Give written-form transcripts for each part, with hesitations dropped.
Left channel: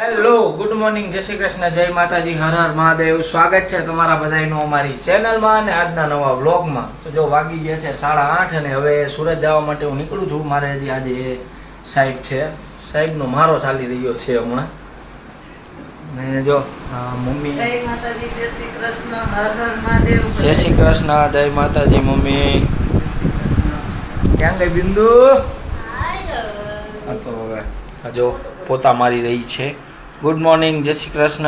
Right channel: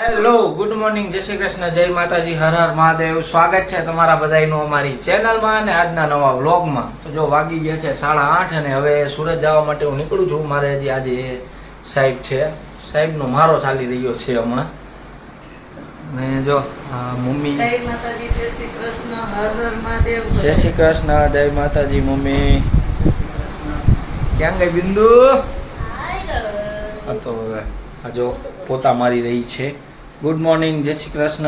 Hello good morning, જય શ્રી કૃષ્ણ, જય માતાજી, હર હર મહાદેવ. સ્વાગત છે તમારા બધાનું અમારી ચેનલમાં અને આજના નવા વ્લોગમાં. તો જો વાગી ગયા છે 8:30 અને હવે સુરત જવા માટે હું નીકળું છું. મારે હજી આજે સાહેબ છે, સાહેબનો મારો ચાલી રહ્યો છે હમણાં. ને જો મમ્મી જય માતાજી, જય શ્રી કૃષ્ણ, હર હર મહાદેવ. જય શ્રી કૃષ્ણ, જય માતાજી. મમ્મી ક્યાં ગઈ બિંદુ? તો હવે આ જો પોતા મારી રહી છે. ગુડ મોર્નિંગ, જય શ્રી કૃષ્ણ.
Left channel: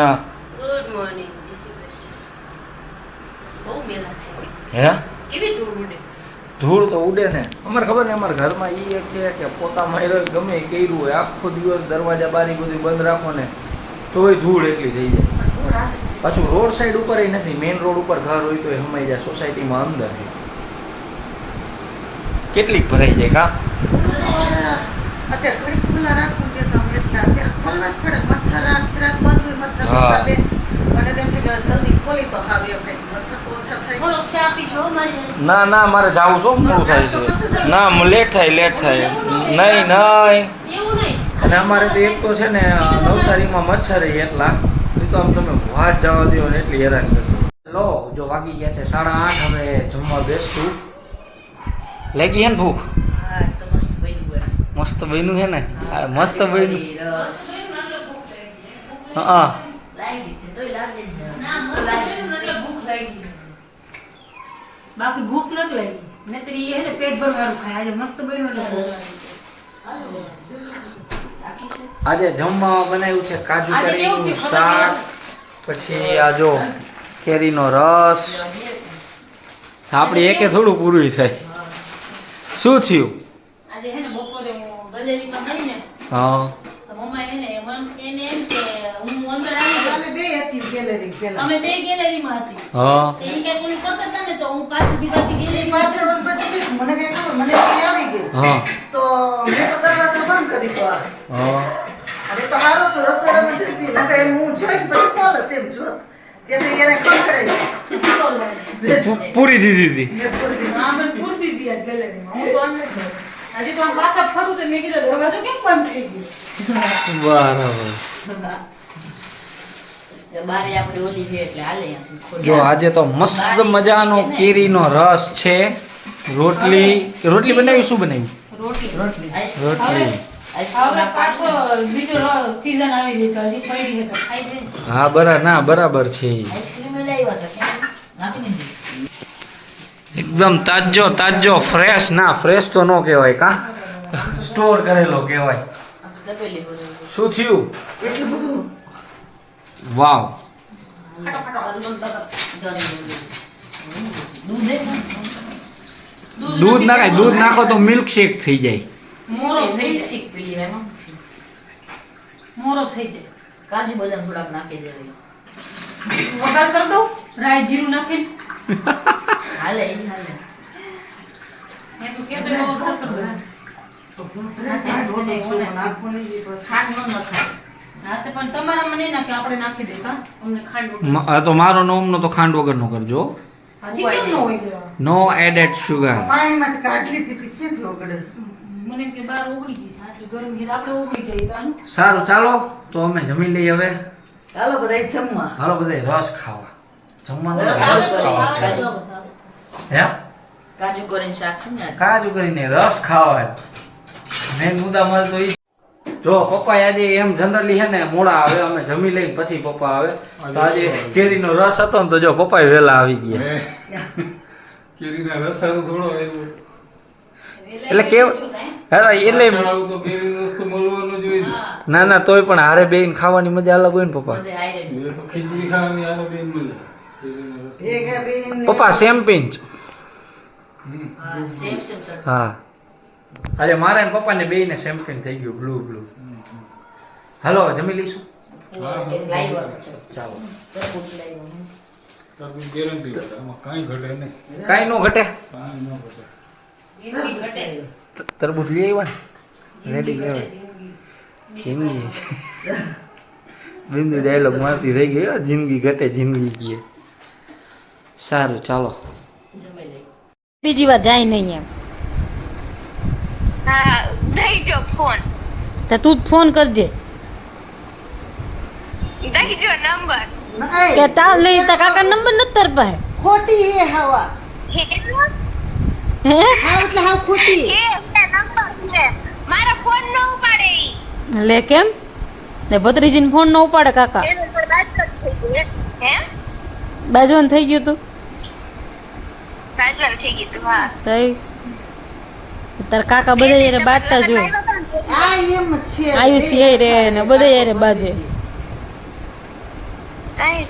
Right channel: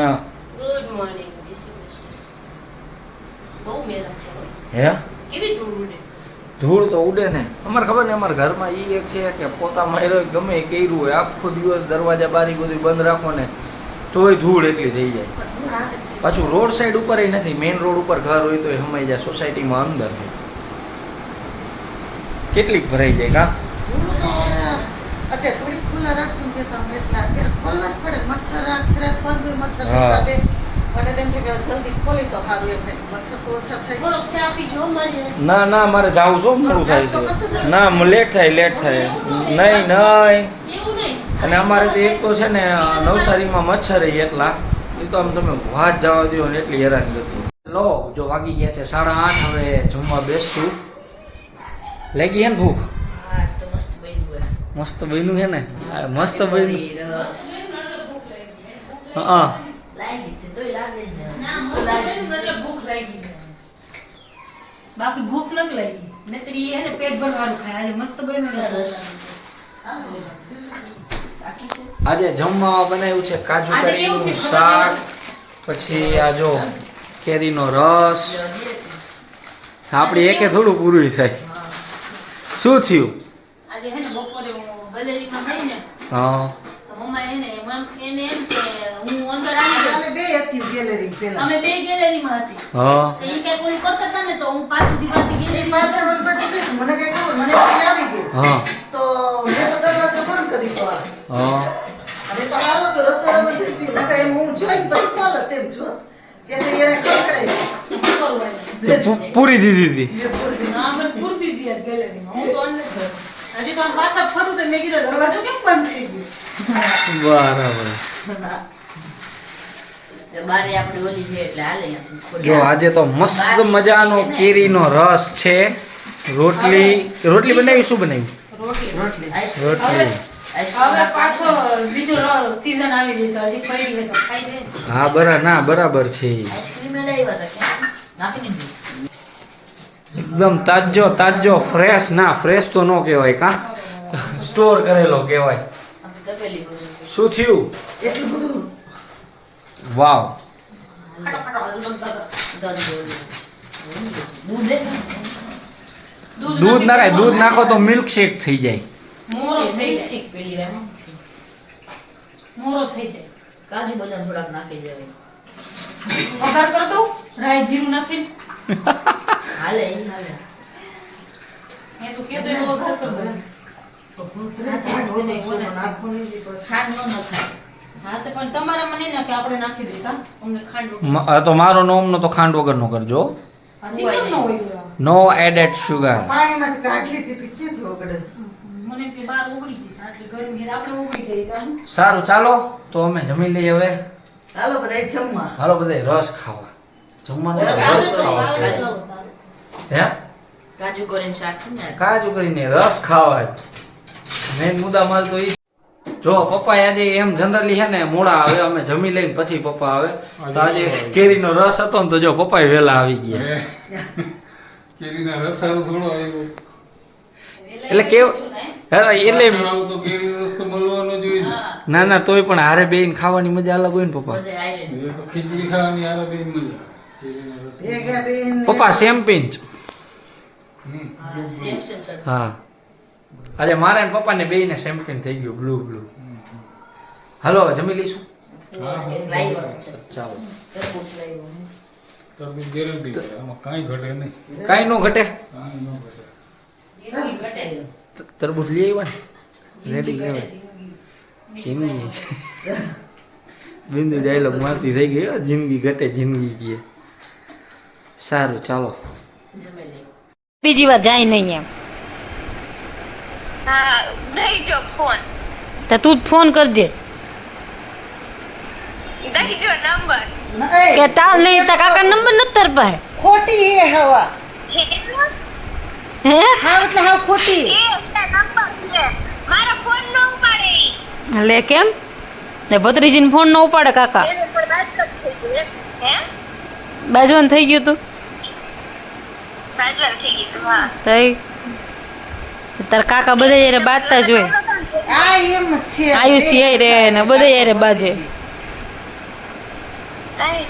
ગુડ મોર્નિંગ, જય શ્રી કૃષ્ણ. બહુ મેલા થાય. હે કેવી ધૂળ ઉડે? ધૂળ તો ઉડે ને. અમારે ખબર ને, અમારા ઘરમાં ઈ એક છે કે પોતા માર્યો ગમે એ કર્યું હોય, આખો દિવસ દરવાજા બારી બધું બંધ રાખો ને તોય ધૂળ એટલી થઈ જાય. ધૂળ આવે જ છે. પાછું રોડ સાઈડ ઉપર નથી, મેઇન રોડ ઉપર ઘર હોય તો હમાઈ જાય. સોસાયટીમાં અંદર કેટલીક ભરાઈ જાય કા. અત્યારે ઘડી ખુલ્લા રાખશું કે તમે એટલે અત્યારે ખોલવા જ પડે. મચ્છર આખરાત બંધ હોય, મચ્છર હા. હિસાબે મને તેમ કે જલ્દી ખોલી તો હાવી આપણે મચ્છર તો ઓછા થાય. થોડોક ચા પીજો મારી. ના ના, મારે જાવું છો, મોડું થાય છે. ના લેટ થાય. નહીં નહીં. એવું નહીં. અને અમારે તો એક તો છે ને નવસારીમાં મચ્છર એટલા, એ તો આમ તમે વાત જવા દો ને એટલી હેરાન કરતી. લો જો વાગી ગયા છે 8:30, હવે જમવા બેસશું. લાગી હે ને ભૂખ? હા તો મસ્ત બન્યું હોય. મસ્ત બન્યું છે ને? આ મસ્ત બન્યું. રસ હા લાગી છે તોય લાગે જ ના મસ્ત બન્યું એટલે ભૂખ લાગી. બાકી ભૂખ નથી લાગી. નહીતર ઈ એને પેટ ભરવાનું ખાય. આજે મસ્ત બન્યું એટલે ભૂખ લાગી. આજે જમવા બનાવ્યું છે કાજુ આજે કેવું છે કરીનું ખબર શાક, પછી આ જો કેરીનો રસ. આપણી એકે થોડું પૂરું થાય. શું થયું? આજે હે ને બપોરે હું ગલેરીમાં ગઈ ને હા તો મમ્મા એને એમ કે હું અંદર આવી ગઈ. અમે બે હતી ગેલેરી પેલા. અમે બે ગેલેરીમાં હતી. હા તો ઈ કાંઈ કોઈ કરતા હતા ને તો હું પાછી એ ગેલેરી પાછળ ઓલી પાછળ બેઠી. મને કઈ ખબર, મને કઈ આવી ગઈ. હા તો મેં તો દરવાજો બંધ કરી દીધો આ. હા અને તો હાલો તો રસોડામાં જતી નકર એમ હું જોઈને પછી ચાલો તેમ જોત તેથી એને ખડખડાઈ પૂરી દીધી હતી. હા મેં પૂરતી હતી આજ ગેલેરીમાં. હું તો અંદર જ. હજી તો આમ પાછા ફરું તો મેં કીધું દરવાજો કેમ બંધ થઈ ગયો. બરાબર. બારી આપણી ઓલી છે એટલે હાલે અહીંયાથી. જો આજે તો મસ્ત મજાનો કેરીનો રસ છે. રોટલી બનાવી. શું બનાવ્યું? રોટલી. રોટલી. હવે પાછો બીજો સીઝન આવી જશે. હજી પડી છે તો ખાઈ જાય. હા બરાબર છે. આઈસ્ક્રીમ લઈ આવ્યા હતા કેમ નાખી દીધી. એકદમ તાજો ફ્રેશ. ના ફ્રેશ તો નો કહેવાય કા, સ્ટોર કરેલો કહેવાય. આમ તો તપેલી બધું શું થયું? એટલું બધું વાવ. દૂધ નાખાય. દૂધ નાખો તો મિલ્ક શેક થઈ જાય. મોરો થઈ જાય. શીખ પેલી એમાં મોરો થઈ જાય. કાજુ બદામ થોડાક નાખી દેવાય. વઘાર કરી દઉં રાઈ જીરું નાખીને. હાલે ઈ હાલે. મેં તો કીધું એવો વઘાર કરી દઉં. ખાંડ ન નખાય. હા તો પણ તમારામાં નહીં નાખે, આપણે નાખી દઈએ કા અમને ખાંડ વગર. આ તો મારો નોમનો તો ખાંડ વગરનો કરજો. હજી કેમ ન હોય લેવા? નો એડેડ શુગર. પાણીમાંથી કાઢી લીધી કેટલું ઓગળે. મને એમ કે બહાર ઓગળી ગઈ છે આટલી ગરમી છે, આપણે ઓગળી જઈએ તો હાલ. સારું ચાલો તો અમે જમી લઈએ હવે. ચાલો બધા જમવા. હાલો બધા રસ ખાવા. જમવાનું રસ રસ ખાવા. ખાવા. કાજુ બતાવો. હે કાજુ કરીને શાક છે ને. કાજુ કરીને રસ ખાવા. મેન મુદ્દા મારે તો ઈ. જો પપ્પા આજે એમ જનરલી છે ને મોડા આવે, અમે જમી લઈને પછી પપ્પા આવે. તો આજે કેરીનો રસ હતો ને તો જો પપ્પા વહેલા આવી ગયા. કેરીના રસાનું થોડો આવ્યો. એટલે કેવ એટલે આવું તો કેરીનો રસ તો મળવાનો જ હોય ને. ના તોય પણ હારે બેહીને ખાવાની મજા અલગ હોય ને પપ્પા. બધે આયરન. એ તો ખીચડી ખાવાની હારે બેન મજા. કેરીના રસ. એક આ બેન ને- પપ્પા સેમ પિંચ. હમ. હા, સેમ સેમ સર. હા આજે મારે ને પપ્પાને બેયને સેમ્પિંગ થઈ ગયું બ્લુ. હાલો હવે જમી લઈશું. એક લાવ્યો છે. ચાલો. તરબૂચ લાવ્યો છે. તરબૂચ ગેરંટી છે. એમાં કાંઈ ઘટે નહીં. કાંઈ નો ઘટે. કાંઈ ન ઘટે. એવી ઘટે. તરબૂચ લઈ આવ્યા ને રેડી કહેવાય. જિંદગી બિંદુ ડાયલોગ મારતી થઈ ગઈ હો. જિંદગી ઘટે જિંદગી કીએ. સારું ચાલો. જમી લઈ. બીજી વાર જાય નહીં એમ. હા દઈ જો ફોન તો તું જ ફોન કરજે. દઈજો નંબર. કે તાલ નહીં તા કાકા નંબર નથી તાર પાસે ખોટી હે હવા હે હા એટલે હા ખોટી એ નંબર છે. મારો ફોન ન ઉપાડે ઈ. લે કેમ ને ભત્રીજીને ફોન ન ઉપાડે કાકા એનો પર વાત થઈ ગઈ. હે? બાજવાનું થઈ ગયું તું સાજલ થઈ ગઈ તું. હા. તઈ તાર કાકા બધા યારે બાજતા જ હોય આ એમ જ છે આયુષી હે રે ને બધા યારે બાજે કાંઈ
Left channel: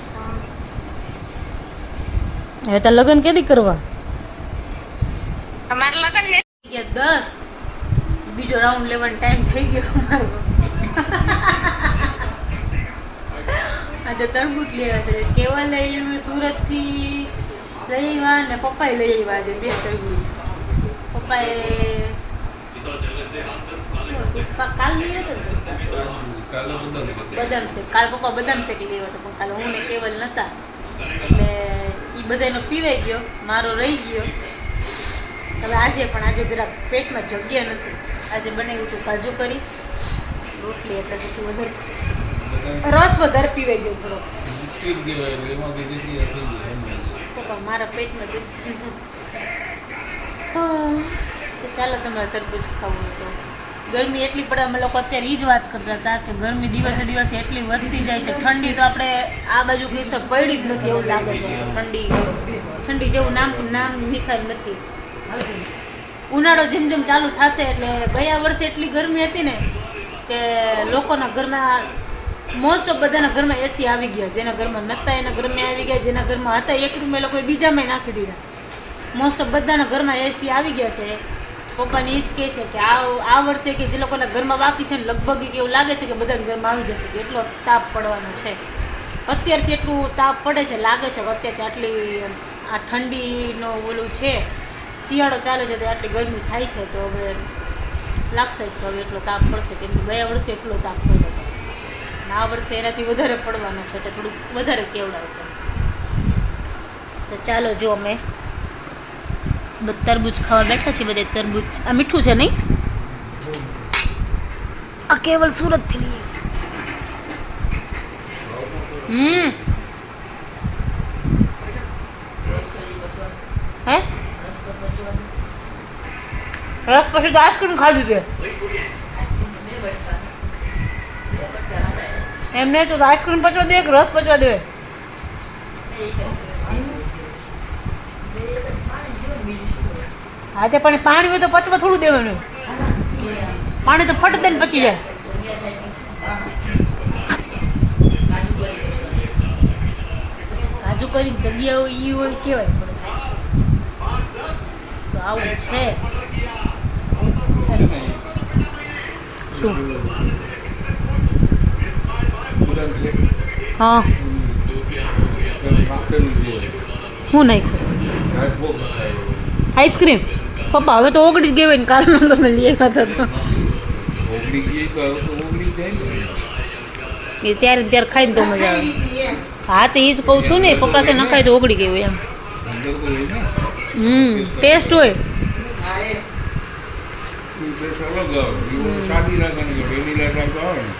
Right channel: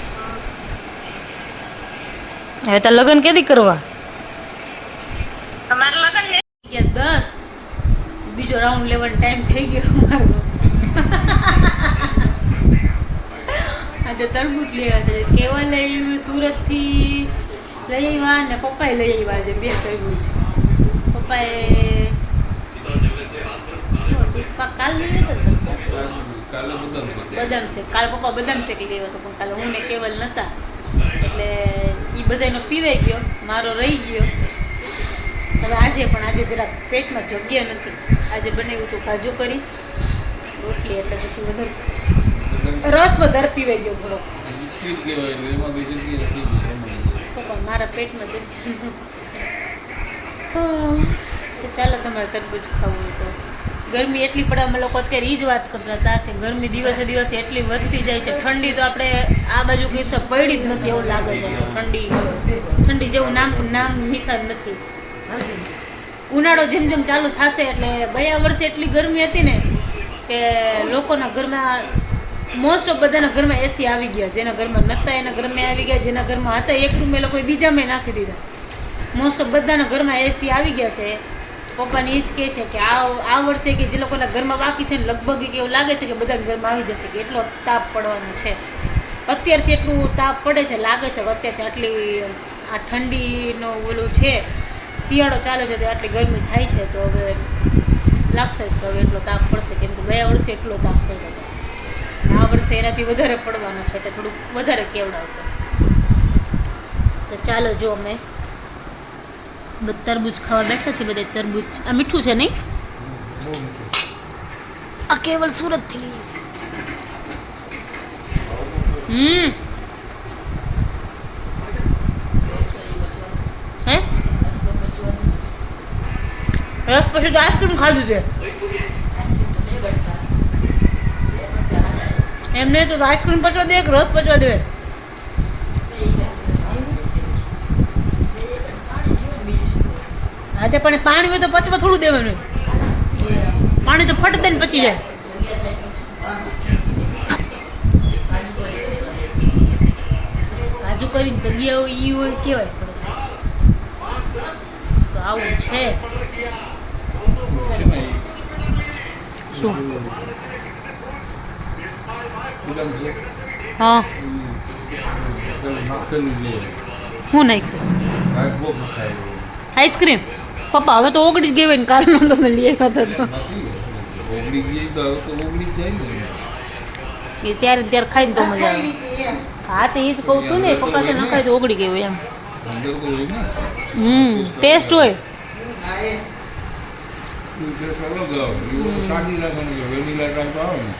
હવે તાર લગ્ન કેદી કરવા અમારા લગન ને ગયા 10 બીજો રાઉન્ડ લેવાનો ટાઈમ થઈ ગયો અમારો આજે તરબૂચ લેવા છે કેવલ લઈ આવ્યું સુરતથી લઈ આવ્યા ને પપ્પાએ લઈ આવ્યા છે 2 તરબૂચ પપ્પાએ શું હતું કાલ લઈ આવ્યા કાલે બદામ શેક કાલ પપ્પા બદામ શેક લઈ આવ્યા હતા પણ કાલે હું ને કેવલ નહોતા એટલે એ બધાનો પીવાઈ ગયો મારો રહી ગયો હવે આજે જરાક પેટમાં જગ્યા નથી આજે બનાવ્યું હતું કાજુ કરી રોટલી એટલે પછી વધારે રસ વધારે પીવાઈ ગયો થોડો એમાં બીજી જગ્યાએ થઈ ગયું. પપ્પા મારા પેટમાં તો ચાલો તમારે તરબૂચ ખાવું હોય તો ગરમી એટલી પડે અમે લોકો અત્યારે એ જ વાત કરતા હતા કે ગરમી દિવસે દિવસે એટલી વધતી જાય છે ઠંડી તો આપણે આ બાજુ કઈ છે પડી જ નથી એવું લાગે છે કે ઠંડી જેવું નામ નિશાન નથી ઉનાળો જેમ જેમ ચાલુ થશે એટલે ગયા વર્ષે એટલી ગરમી હતી ને કે લોકોના ઘરમાં મોસ્ટ ઓફ બધાના ઘરમાં એસી આવી ગયા જેના ઘરમાં નહોતા એના ઘરમાં આવી ગયા જેના ઘરમાં હતા એક રૂમ એ લોકોએ બીજામાં નાખી દીધા મોસ્ટ ઓફ બધાના ઘરમાં એસી આવી ગયા છે પપ્પાની એ જ કહે છે કે આ વર્ષે કે જે લોકોના ઘરમાં બાકી છે ને લગભગ એવું લાગે છે કે બધાના ઘરમાં આવી જશે કે એટલો તાપ પડવાનો છે અત્યારથી એટલું તાપ પડે છે લાગે છે કે અત્યારથી આટલી આ ઠંડીનો ઓલું છે શિયાળો ચાલે છે તો આટલી ગરમી થાય છે તો હવે લાગશે જ કે હવે એટલો તાપ પડશે કેમ કે ગયા વર્ષે એટલો તાપ પડ્યો હતો આ વર્ષે એનાથી વધારે પડવાનો છે એટલે થોડુંક વધારે કેવડાવશે તો ચાલો જો અમે તરબૂચ ખાવા બેઠા છીએ બધે તરબૂચ આ મીઠું છે નહીં આ કેવલ સુરતથી લઈએ હે રસ પછી તો આઈસ્ક્રીમ ખાધી તે એમને તો આઈસ્ક્રીમ પચવા દે કે રસ પચવા દે આજે પણ પાણી હોય તો પચવા થોડું દેવાનું પાણી તો ફટ દઈને પચી જાય કાજુ કરીને જગ્યા હોય ઈ હોય કેવાય થોડું તો આવું છે શું હા હું નાખ્યું આઈસ્ક્રીમ પપ્પા હવે તો ઓગળી જ ગઈ હોય ને કાલનો તમે લઈ આવ્યા હતા ઓગળી ગઈ તો હવે તો ઓગળી જ જાય ને. તો એ ત્યારે ખાઈને તો મજા આવે હા તો એ જ કહું છું ને પપ્પા કે નખાય તો ઓગળી ગઈ હોય એમ અંદર તો હોય ને ટેસ્ટ હોય એ ટેસ્ટ અલગ આવે. એ સાદી નાખવાની કે વેનીલા ટાઈપ આવે ને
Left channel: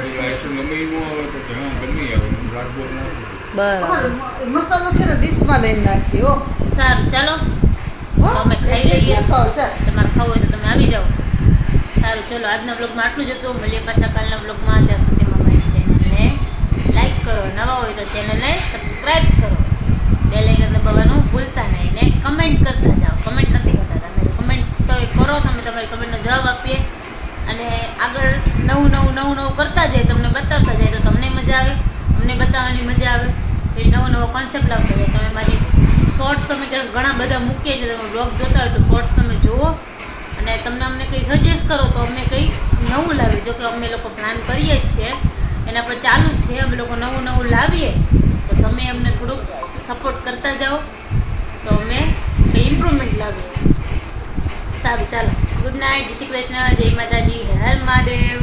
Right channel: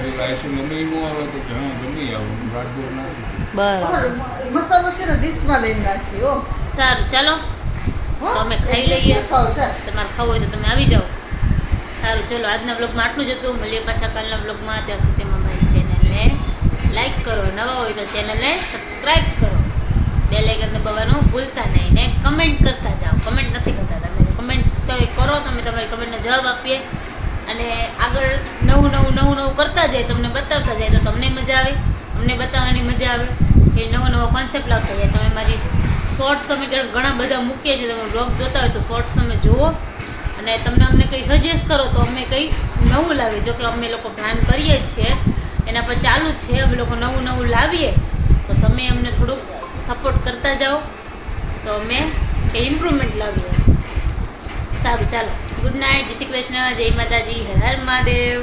એટલે આઈસ્ક્રીમ ગમે એનું આવે તો કે હા ગમે આવે ગાઢ નાખી બરાબર મસાલો છે ને ડીશમાં લઈને નાખતી હો સારું ચાલો તો અમે ખાઈ લઈએ તમારે ખાવું હોય તો તમે આવી જાઓ સારું ચલો આજના બ્લોગમાં આટલું જ હતું મળીએ પાછા કાલના બ્લોગમાં ત્યાં સુધીમાં મારી ચેનલને લાઈક કરો નવા હોય તો ચેનલને સબસ્ક્રાઈબ કરો બેલ આઇકન દબાવવાનું ભૂલતા નહીં ને કમેન્ટ કરતા જાઓ કમેન્ટ નથી કરતા તમે કમેન્ટ તો કરો તમે તમારી કમેન્ટનો જવાબ આપીએ અને આગળ નવું કરતા જાય તમને બતાવતા જાય તો તમને મજા આવે અમને બતાવવાની મજા આવે એ નવો કોન્સેપ્ટ લાવતા જાય તમે મારી શોર્ટ્સ તમે ઘણા બધા મૂકીએ છીએ તમે બ્લોગ જોતા હોય તો શોર્ટ્સ તમે જુઓ અને તમને અમને કંઈ સજેસ્ટ કરો તો અમે કંઈ નવું લાવીએ જો કે અમે લોકો પ્લાન કરીએ જ છીએ એના પર ચાલુ જ છે અમે લોકો નવું લાવીએ તો તમે અમને થોડુંક સપોર્ટ કરતા જાઓ તો અમે કંઈ ઇમ્પ્રુવમેન્ટ લાવીએ સારું ચાલો ગુડ નાઇટ જય શ્રી કૃષ્ણ જય માતાજી હર હર મહાદેવ